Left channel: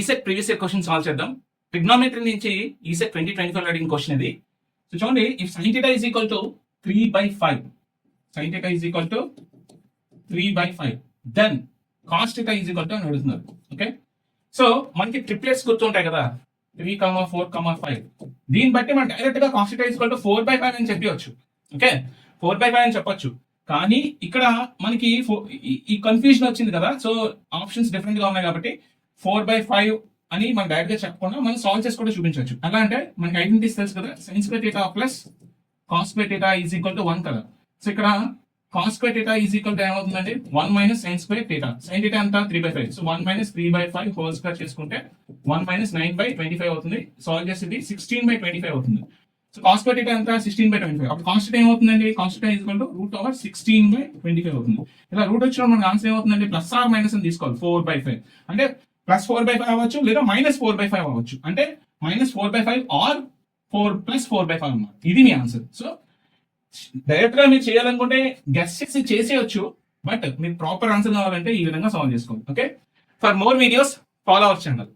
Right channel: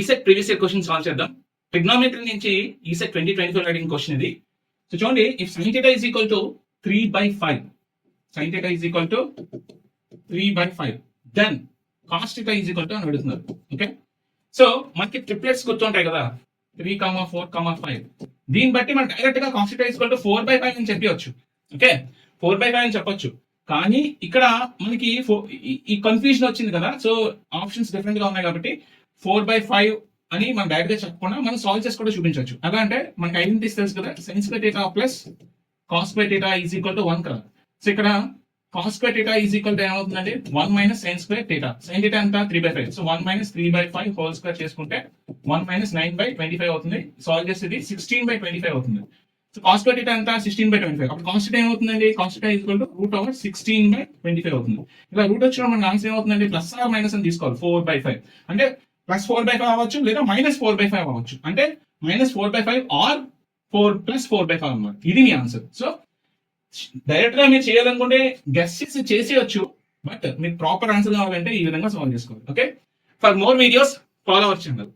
ECET previous year question solve చేద్దాం. Trigonometry నుంచి ECET 2024 అడిగిన క్వశ్చన్ ఇది. సో చూడండి, if sin θ is equal to 3/5, sin θ is equal to 3/5, then cos θ is equal to అని అడుగుతున్నారు. Okay, so మనకి triplets గుర్తుంటాయి కదా, 3, 4, 5. దీన్ని బట్టి మనం డైరెక్ట్ గా cos θ is equal to 4/5 అని చెప్పవచ్చు. ఓకే, 4/5 అని చెప్పొచ్చు. కానీ ఇక్కడ మనకి ఈ కన్ఫ్యూజన్ వచ్చింది కదా, సో ఆప్షన్స్ డిఫరెంట్ గా ఉన్నాయి కాబట్టి 4/5 అని మనం డైరెక్ట్ గా చెప్పకుండా మనం సాల్వ్ చేసి కూడా చూపించవచ్చు. ఎలా అంటే మనకి ఐడెంటిటీస్ తెలుసు కదా, sin square θ plus cos square θ is equal to 1 కదా. సో ఇక్కడ cos square θ is equal to ఏమవుతుందండి, 1 మైనస్ sin స్క్వేర్ θ. sin θ అంతా 3/5, సో 1 మైనస్ 3/5 హోల్ స్క్వేర్ చేసుకుంటే 1 మైనస్ 9/25 అవుతుంది. సాల్వ్ చేసేది 16/25 అవుతుంది. సో cos స్క్వేర్ θ అంతా 16/25. అప్పుడు cos θ ఏమవుతుందండి, cos θ ఈజ్ ఈక్వల్ టు √16/25 అవుతుంది. ఇలా రూట్ వచ్చిన మనకి ఆన్సర్ ఏమవుతుందండి, ప్లస్ ఆర్ మైనస్ అని తీసుకోవాలి. 4/5 అంటే ప్లస్ 4/5 అవ్వచ్చు, లేదా మైనస్ 4/5 అవ్వచ్చు. అంటే మైనస్ 4/5 ఆర్ 4 ప్లస్ 4/5 అన్నమాట. ఇది మీ ఆన్సర్. సో డైరెక్ట్ గా మీరు చేయాలనుకుంటే గెస్ చేసేయచ్చు, బట్ మీరు ప్రాపర్ ఆన్సర్ కావాలంటే ఈ విధంగా సాల్వ్ చేసుకోవాలి. Okay, for more videos follow our channel.